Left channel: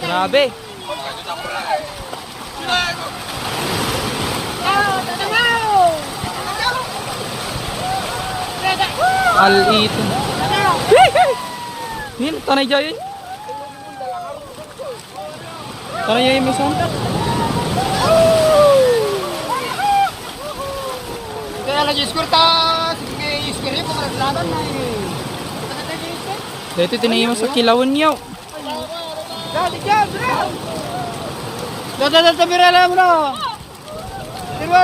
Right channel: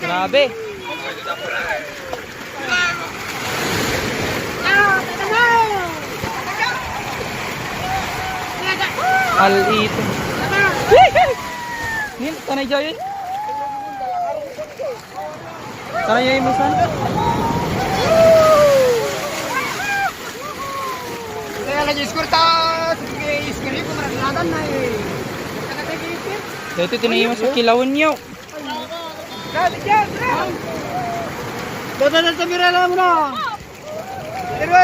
Grabe. Al-ito. Nih, tanay jayo. Tanay jayo misan. Kaya lagi skurtas, iskili ko marasadan na eh. Dito tinayo sa kilawan niyo. Beda na tabira na mo na. Pero